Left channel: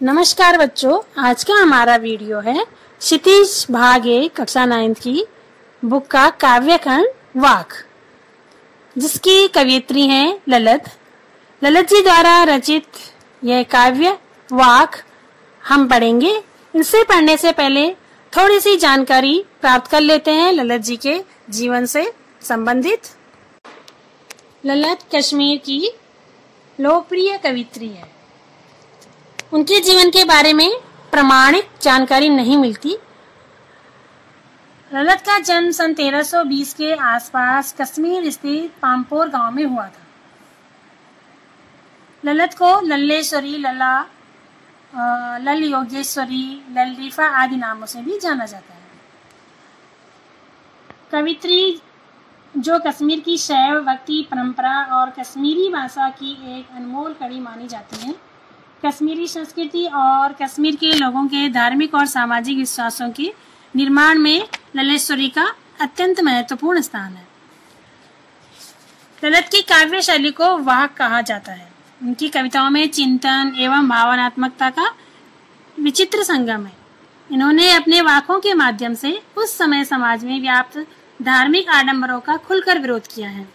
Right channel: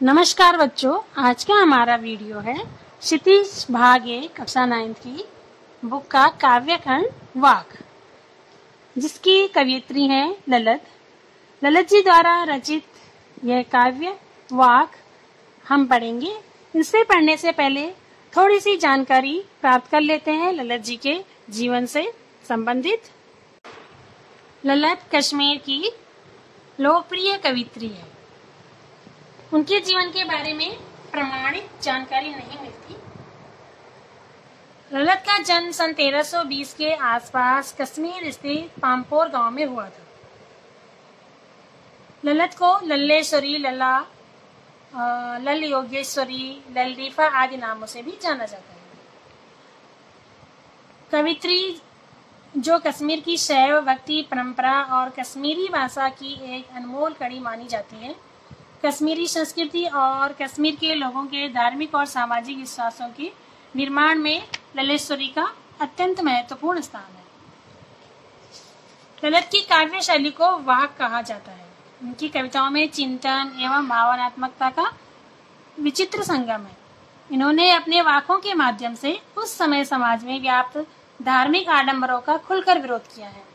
नमस्कार बच्चों, आज का हमारा वीडियो है क्षितिज भाग 1 कक्षा 9 की बुक का काव्य खंड वाक, जिसकी कवियत्री हैं ललित जी द्वारा रचित यह काव्य वाक हम पढ़ेंगे। इसे पढ़ने से पहले थोड़ी सी जानकारी प्राप्त कर लेते हैं ललित जी के जीवन से संबंधित। ललित कश्मीर की लोकप्रिय कवियत्री है। उनके जीवन के बारे में प्रमाणित जानकारी नहीं मिलती। ललित का जन्म सन 1320 के आसपास कश्मीर स्थित पामपोर गांव में हुआ था। ललित को लल्लेश्वरी, लला, लल योगेश्वरी, ललरीफा आदि नामों से भी जाना जाता है। कवित्री जो कश्मीर की शैव भक्ति परंपरा और कश्मीरी भाषा की एक अनमोल कड़ी मानी जाती है। कश्मीरी संस्कृति और कश्मीर के लोगों के धार्मिक और सामाजिक विश्वासों के निर्माण में लल्लेश्वरी का अत्यंत महत्वपूर्ण स्थान है। ललित की काव्य शैली को वाक कहा जाता है। उनकी कविताओं में चिंतन एवं भावनात्मकता का विचित्र संगम है। इन्होंने अपने वाकों के माध्यम से उस समय समाज में व्याप्त धार्मिक आडंबरों का खुलकर विरोध किया है।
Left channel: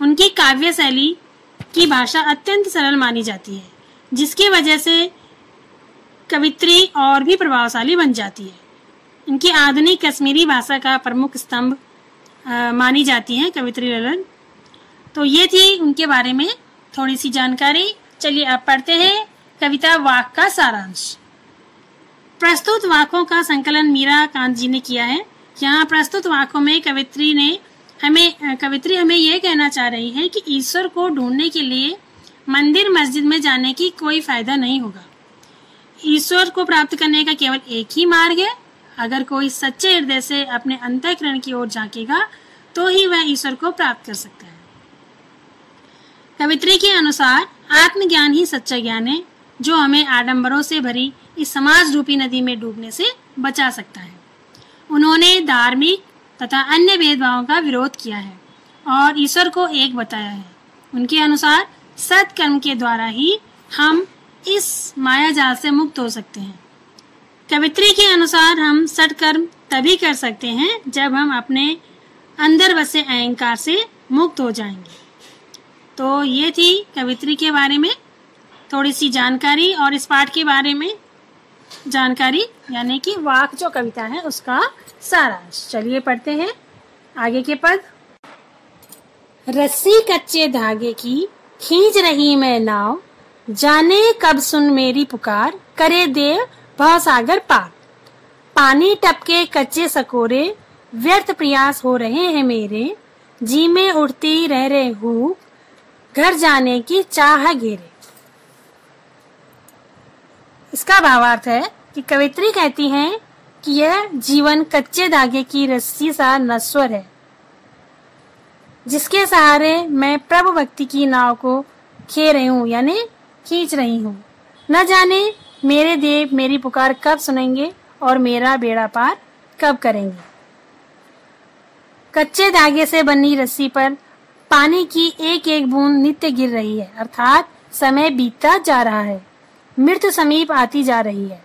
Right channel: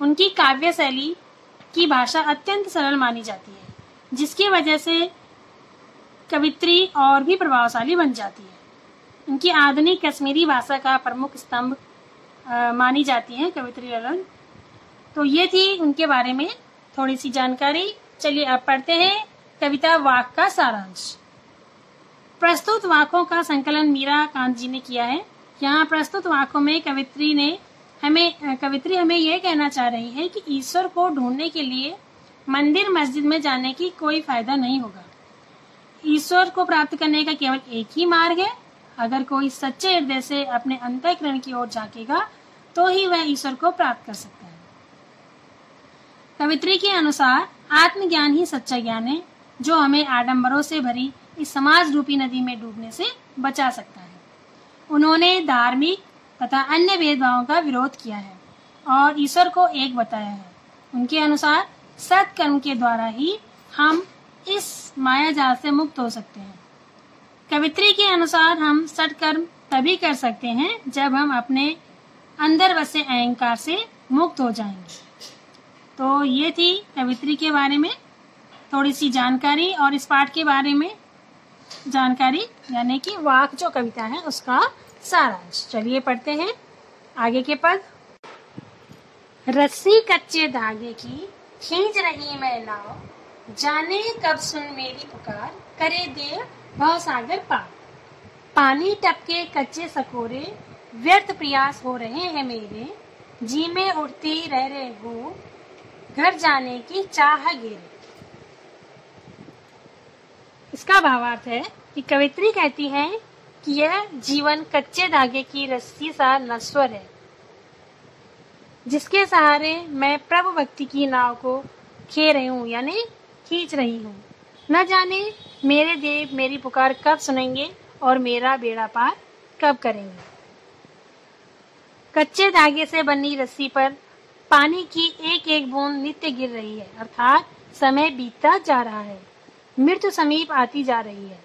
उनकी काव्य शैली की भाषा अत्यंत सरल मानी जाती है, जिसकी वजह से कवित्री और भी प्रभावशाली बन जाती है। इनकी आधुनिक कश्मीरी भाषा का प्रमुख स्तंभ मानी जाती है कवित्री ललित। तो ये थी उनके बारे में थोड़ी सी जानकारी। चलिए अब पढ़ते हैं कविता वाक का सारांश। प्रस्तुत वाकों का संकलन मीरा कांत जी ने किया है। यहाँ प्रस्तुत वाकों में कवित्री हमें यह कहना चाह रही है कि ईश्वर को ढूंढने के लिए मंदिर मस्जिद में जाने की कोई फायदा नहीं होगा। ईश्वर को प्राप्त करने का केवल एक ही मार्ग है। अगर कोई सच्चे हृदय से अपने अंतःकरण की ओर झांकेगा तो ही वह ईश्वर को प्राप्त कर सकता है। कवित्री के अनुसार आत्मज्ञान ही सच्चा ज्ञान है, जो हमें आडंबरों से भरी इस समाज रूपी नदी में डूबने से बचा सकता है। उन्होंने धार्मिक तथा अन्य भेदभावों का विरोध किया है और ईश्वर को एक बताया है। उनके अनुसार सत्कर्म के द्वारा ही हम इस मायाजाल से मुक्त हो सकते हैं। कवित्री के अनुसार हम सत्कर्म तभी कर सकते हैं जब हम अपने अंदर बसे अहंकार से मुक्त हो जाएंगे। तो ये थी कवित्री के बारे में थोड़ी सी जानकारी और इस पाठ के बारे में जानकारी, यानी कि वाक जो कविता है उसका सारांश। चलिए पढ़ते हैं आगे के पद। रस्सी कच्चे धागे की खींच रही मैं नाव, जाने कब सुन मेरी पुकार, करे देव भवसागर पार। पानी टपके कच्चे सकोरे, व्यर्थ प्रयास हो रहे हैं मेरे, जी में उड़ती रह रहे हूँ, घर जाने की चाह घेरे। इसका भावार्थ है कि कवित्री कहती हैं कि यह जीवन कच्चे धागे की रस्सी सा नश्वर है, जिसके सहारे मैं प्रभु भक्ति की नाव को खे रही हूँ, यानी खींच रही हूँ। न जाने मेरे देव मेरी पुकार कब सुनेंगे और मेरा बेड़ा पार कब करेंगे। कच्चे धागे से बनी रस्सी पर पानी की एक एक बूंद नित्य गिर रही है, अर्थात समय बीतता जा रहा है, मृत्यु समीप आती जा रही है।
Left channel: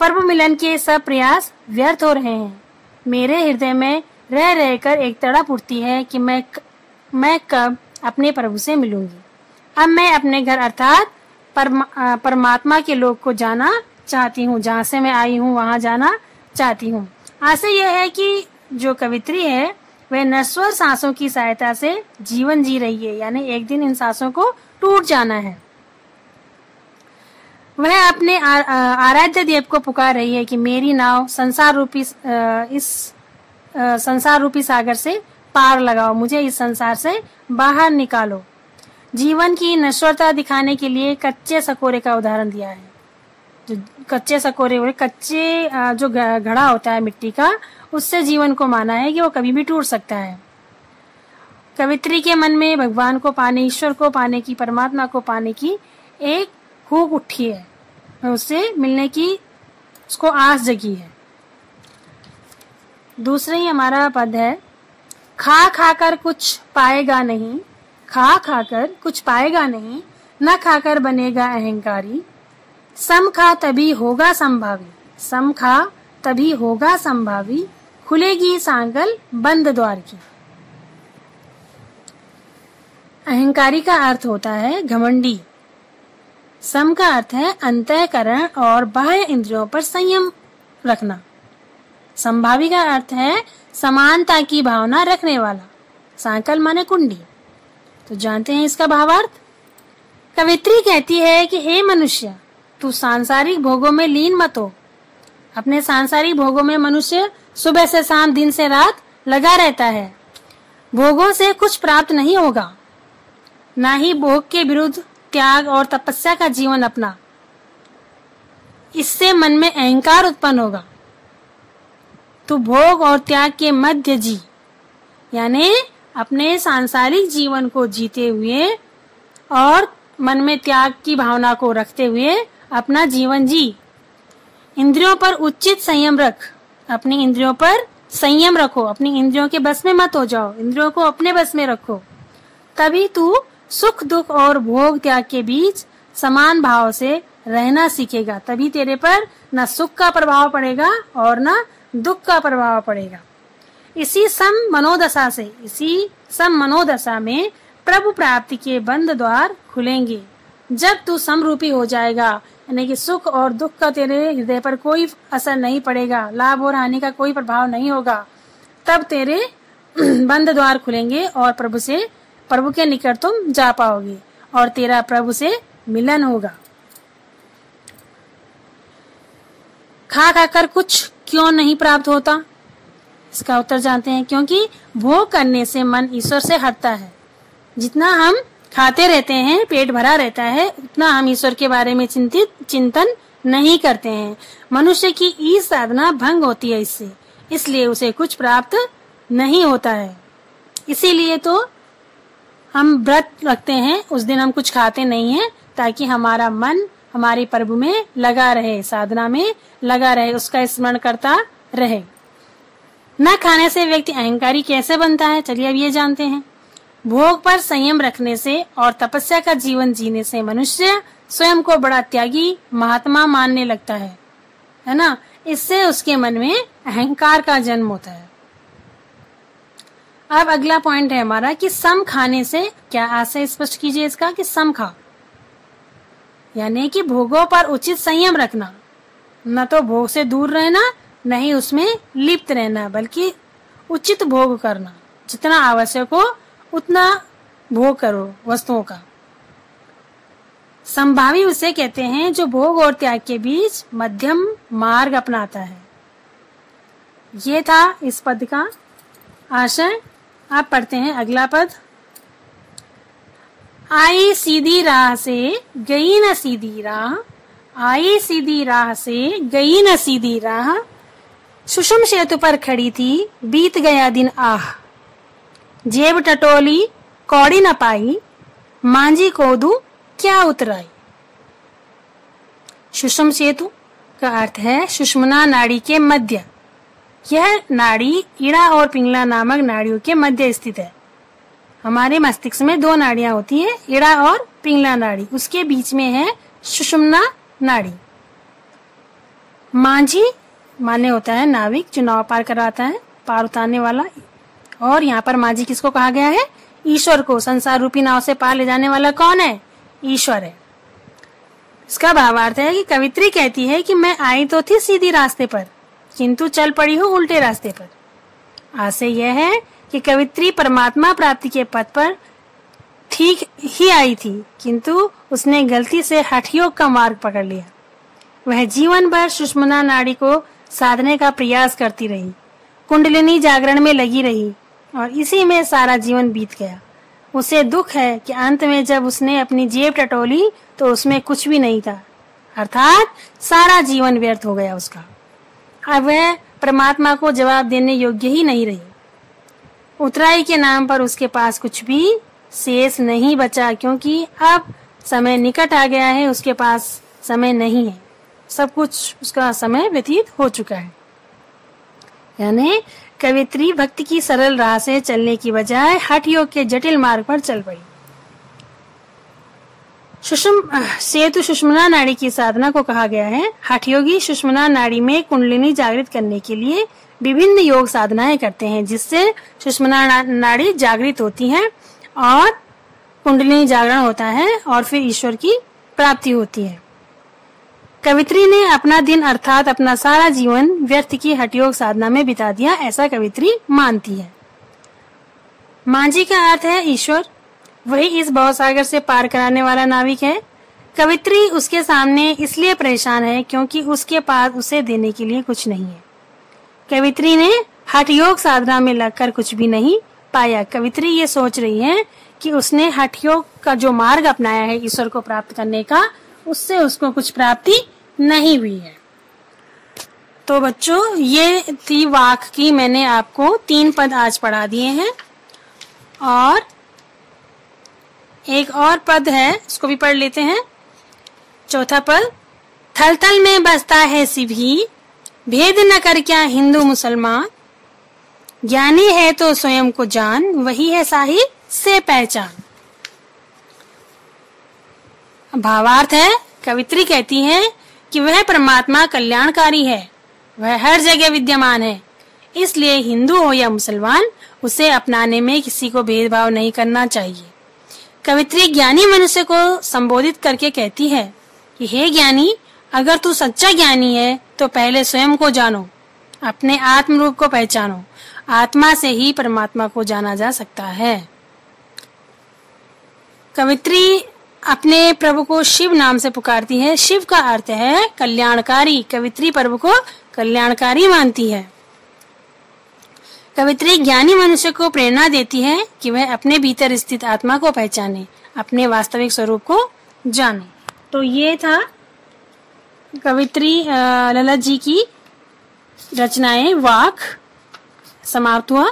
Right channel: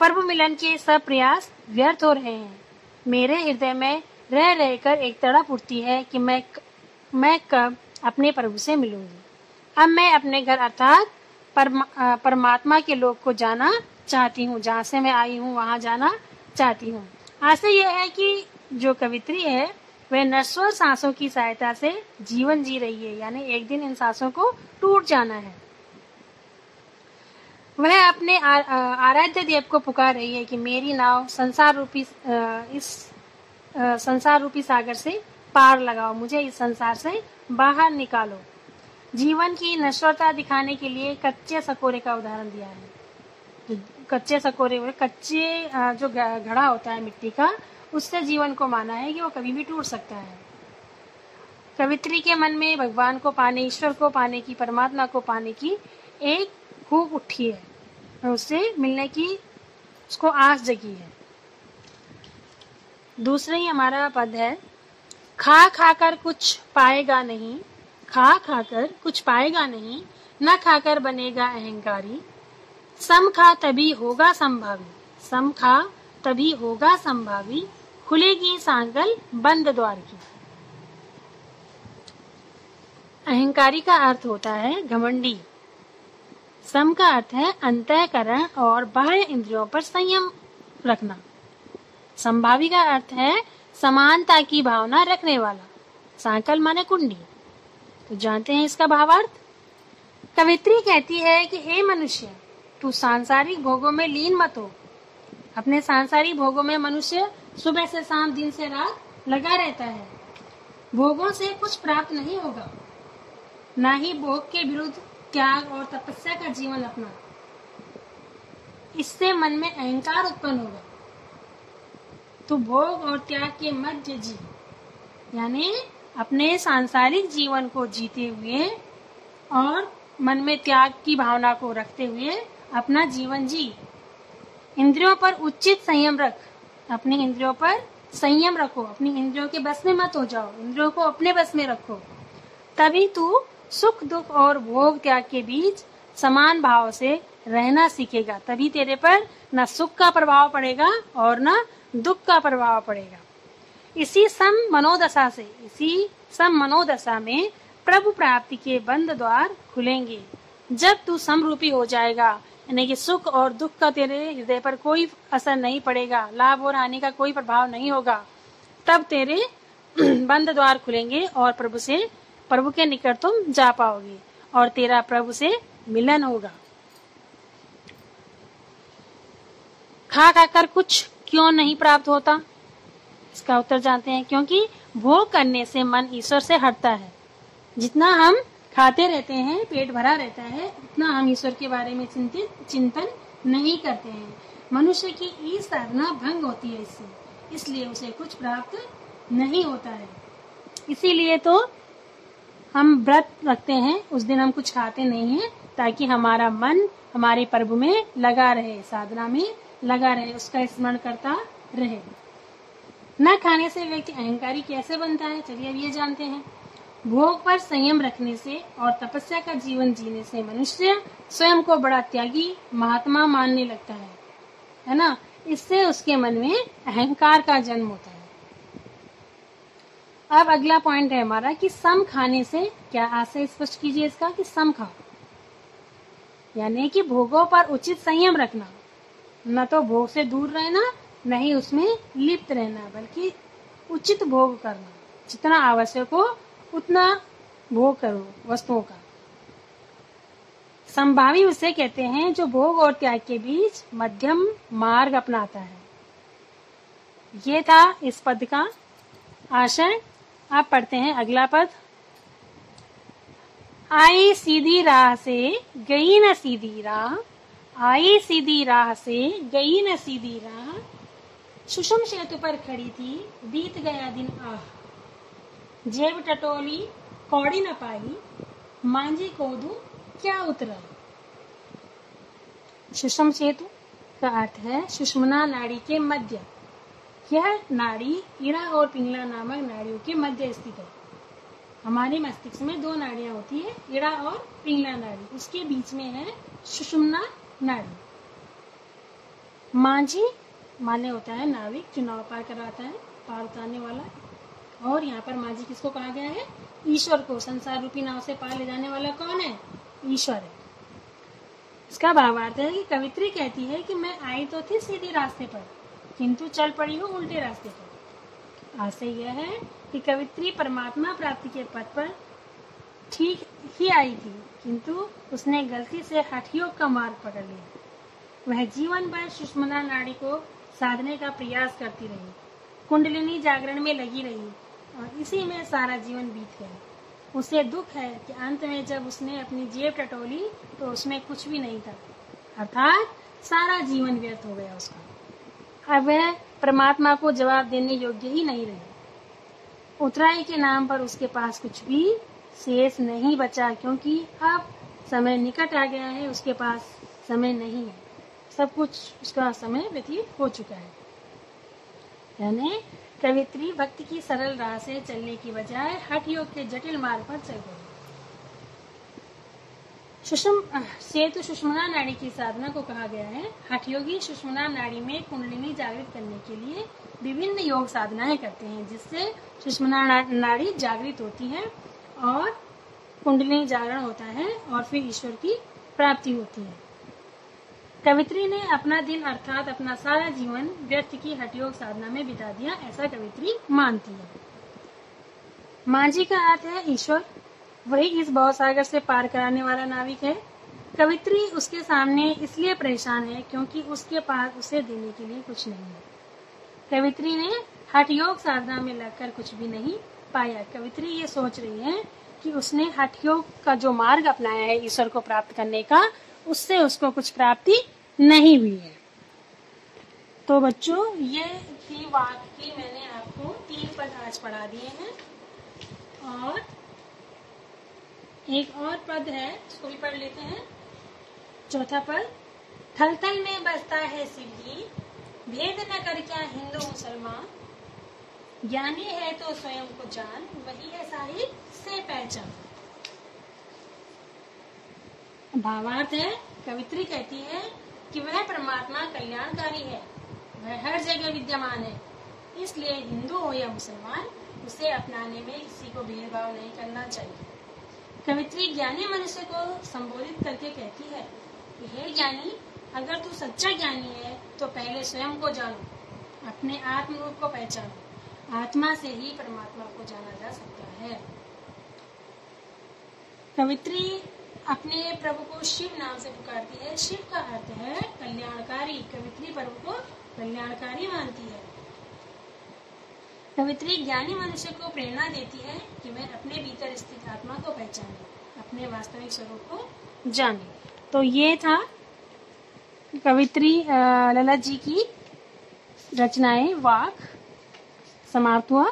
प्रभु मिलन के सब प्रयास व्यर्थ हो रहे हैं। मेरे हृदय में रह रहकर एक तड़प उठती है कि मैं कब अपने प्रभु से मिलूंगी। अब मैं अपने घर अर्थात परमात्मा के लोक को जाना चाहती हूँ। जहाँ से मैं आई हूँ वहाँ जाना चाहती हूँ। आशा यह है कि जो कवित्री है वह नश्वर सांसों की सहायता से जीवन जी रही है, यानी एक दिन इन सांसों को टूट जाना है। वह अपने आराध्य देव को पुकार रही है कि मेरी नाव संसार रूपी सागर से पार लगाओ, मुझे इस संसार से बाहर निकालो। जीवन की नश्वरता दिखाने के लिए कच्चे सकोरे का उदाहरण दिया है। जो कच्चे सकोरे, कच्चे जो घड़ा होता है मिट्टी का, उससे जीवन को माना है कि वो कभी भी टूट सकता है। कवित्री के मन में भगवान को पाने, ईश्वर को पाने की, परमात्मा को पाने की एक भूख उठी है, उससे मिलने की उसको आस जगी है। दूसरा ही हमारा पद है, खा खाकर कुछ पाएगा नहीं, खा खाकर कुछ पाएगा नहीं, न खाकर बनेगा अहंकारी, सम खा तभी होगा संभावी, सम खा तभी होगा संभावी, खुलेगी सांगल बंद द्वार की। अहंकारी का अर्थ होता है घमंडी। सम का अर्थ है अंतःकरण और बाह्य इंद्रियों पर संयम रखना। संभावी का अर्थ है समानता की भावना रखने वाला। सांकल माने कुंडी। तो जानते हैं इसका भावार्थ। कवित्री कहती है कि हे मनुष्य, तू सांसारिक भोगों में लीन मत हो। अपने सांसारिक भोगों में मनुष्य सुबह से शाम, दिन से रात लगा रहता है। भोगों से कुछ प्राप्त नहीं होगा, ना ही भोग के विरुद्ध त्याग और तपस्या का जीवन अपना। इससे मन में अहंकार उत्पन्न होगा। तू भोग और त्याग के मध्य जी, यानी अपने सांसारिक जीवन को जीते हुए और मन में त्याग की भावना को रखते हुए अपना जीवन जी। इंद्रियों पर उचित संयम रख। अपनी इंद्रियों पर संयम रखो। अपनी इंद्रियों के बस में मत हो जाओ, इंद्रियों को अपने बस में रखो। तभी तू सुख दुख और भोग त्याग के बीच समान भाव से रहना सीखेगा। तभी तेरे पर न सुख का प्रभाव पड़ेगा और न दुख का प्रभाव पड़ेगा। इसी सम मनोदशा में प्रभु प्राप्ति के बंद द्वार खुलेंगे। जब तू समरूपी हो जाएगा, यानी कि सुख और दुख का तेरे हृदय पर कोई असर नहीं पड़ेगा, लाभ और हानि का कोई प्रभाव नहीं होगा, तब तेरे बंद द्वार खुलेंगे और प्रभु के निकट तुम जा पाओगे और तेरा प्रभु से मिलन होगा। खा खाकर कुछ क्यों नहीं प्राप्त होता? इसका उत्तर जानते हैं। क्योंकि भोग करने से मन ईश्वर से हटता है। जितना हम खाते रहते हैं, पेट भरा रहता है, उतना हम ईश्वर के बारे में चिंतन नहीं करते हैं। मनुष्य की ई साधना भंग होती है इससे, इसलिए उसे कुछ प्राप्त नहीं होता है। इसीलिए तो हम व्रत रखते हैं, उस दिन हम कुछ खाते नहीं हैं, ताकि हमारा मन हमारे प्रभु में लगा रहे, साधना में लगा रहे, उसका स्मरण करता रहे। न खाने से व्यक्ति अहंकारी कैसे बनता है? चलिए अब ये जानते हैं। भोग पर संयम रखने से और तपस्या का जीवन जीने से मनुष्य स्वयं को बड़ा त्यागी महात्मा मानने लगता है ना। इससे उसके मन में अहंकार का जन्म होता है। अब अगला पॉइंट है हमारा कि सम खाने से क्या आशय स्पष्ट कीजिए इसका, कि सम खा यानी कि भोगों पर उचित संयम रखना। न तो भोग से दूर रहना, न ही उसमें लिप्त रहना, बल्कि उचित भोग करना। जितना आवश्यक हो उतना भोग करो वस्तुओं का। संभावी उसे कहते हैं जो भोग और त्याग के बीच मध्यम मार्ग अपनाता है। ये था इस पद का आशय। आप पढ़ते हैं अगला पद। आई सीधी राह से गई न सीधी राह, आई सीधी राह से गई न सीधी राह, सुषुम सेतु पर खड़ी थी बीत गया दिन आह, जेब टटोली कौड़ी न पाई, मांझी कोदू क्या उतराई। सुषुम सेतु का अर्थ है सुषुम्ना नाड़ी के मध्य। यह नाड़ी इड़ा और पिंगला नामक नाड़ियों के मध्य स्थित है। हमारे मस्तिष्क में दो नाड़ियां होती है, इड़ा और पिंगला नाड़ी, उसके बीच में है सुषुम्ना नाड़ी। मांझी माने होता है नाविक जो नाव पार कराता है, पार उतारने वाला। और यहाँ पर मांझी किसको कहा गया है? ईश्वर को। संसार रूपी नाव से पार ले जाने वाला कौन है? ईश्वर है। इसका भावार्थ है कि कवित्री कहती है कि मैं आई तो थी सीधी रास्ते पर, किंतु चल पड़ी हूँ उल्टे रास्ते पर। आशय यह है कि कवित्री परमात्मा प्राप्ति के पथ पर ठीक ही आई थी, किंतु उसने गलती से हठयोग का मार्ग पकड़ लिया। वह जीवन भर सुषुम्ना नाड़ी को साधने का प्रयास करती रही, कुंडलिनी जागरण में लगी रही और इसी में सारा जीवन बीत गया। उसे दुख है कि अंत में जब उसने अपनी जेब टटोली तो उसमें कुछ भी नहीं था, अर्थात सारा जीवन व्यर्थ हो गया उसका। अब वह परमात्मा को जवाब देने योग्य ही नहीं रही। उतराई के नाम पर उसके पास कुछ भी शेष नहीं बचा, क्योंकि अब समय निकट आ गया है, उसके पास समय नहीं है, सब कुछ उसका समय व्यतीत हो चुका है। यानी कवित्री भक्ति की सरल राह से चलने की बजाय हठ योग के जटिल मार्ग पर चल पड़ी। सेतु सुषुम्ना नाड़ी की साधना को कहा गया है। हठयोगी सुषुम्ना नाड़ी में कुंडलिनी जागृत करने के लिए विभिन्न योग साधनाएं करते हैं, जिससे सुषुम्ना नाड़ी जागृत होती है और कुंडलिनी जागरण होता है और फिर ईश्वर की प्राप्ति होती है। कवित्री ने अपना दिन अर्थात अपना सारा जीवन व्यर्थ की हठयोग साधना में बिता दिया, ऐसा कवित्री मानती है। मांझी का अर्थ है ईश्वर, वही इस भवसागर से पार कराने वाला नाविक है। कवित्री उसके सामने इसलिए परेशान है क्योंकि उसके पास उसे देने के लिए कुछ नहीं है। कवित्री ने हठयोग साधना में लगकर कुछ भी नहीं पाया। कवित्री ये सोच रही है कि उसने हठयोग का जो मार्ग अपनाया है ईश्वर को प्राप्त करने का, उससे उसको कुछ प्राप्ति नहीं हुई है। तो बच्चों, ये थी वाक की, मैंने आपको 3 पद आज पढ़ा दिए हैं और एक और पद है, उसको भी पढ़ लेते हैं। चौथा पद, थल थल में बसता है सिभी, भेद न कर क्या हिंदू मुसलमान, ज्ञानी है तो स्वयं को जान, वही है साहिब से पहचान। भावार्थ है, कवित्री कहती है कि वह परमात्मा कल्याणकारी है, वह हर जगह विद्यमान है, इसलिए हिंदू हो या मुसलमान उसे अपनाने में किसी को भेदभाव नहीं करना चाहिए। कवित्री ज्ञानी मनुष्य को संबोधित करके कहती है कि हे ज्ञानी, अगर तू सच्चा ज्ञानी है तो पहले स्वयं को जानो, अपने आत्म रूप को पहचानो। आत्मा से ही परमात्मा को जाना जा सकता है। कवित्री अपने प्रभु को शिव नाम से पुकारती है। शिव का अर्थ है कल्याणकारी। कवित्री प्रभु को कल्याणकारी मानती है। कवित्री ज्ञानी मनुष्य को प्रेरणा देती है कि वह अपने भीतर स्थित आत्मा को पहचाने, अपने वास्तविक स्वरूप को जाने। तो ये था कवित्री ललित जी की रचनाएं वाक, समाप्त हुआ।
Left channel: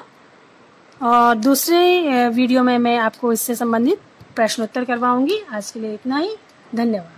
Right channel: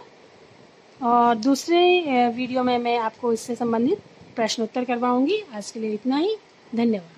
और दूसरे वीडियो में मैं आपको इससे संबंधित प्रश्नोत्तर करवाऊंगी। आज के लिए इतना ही, धन्यवाद।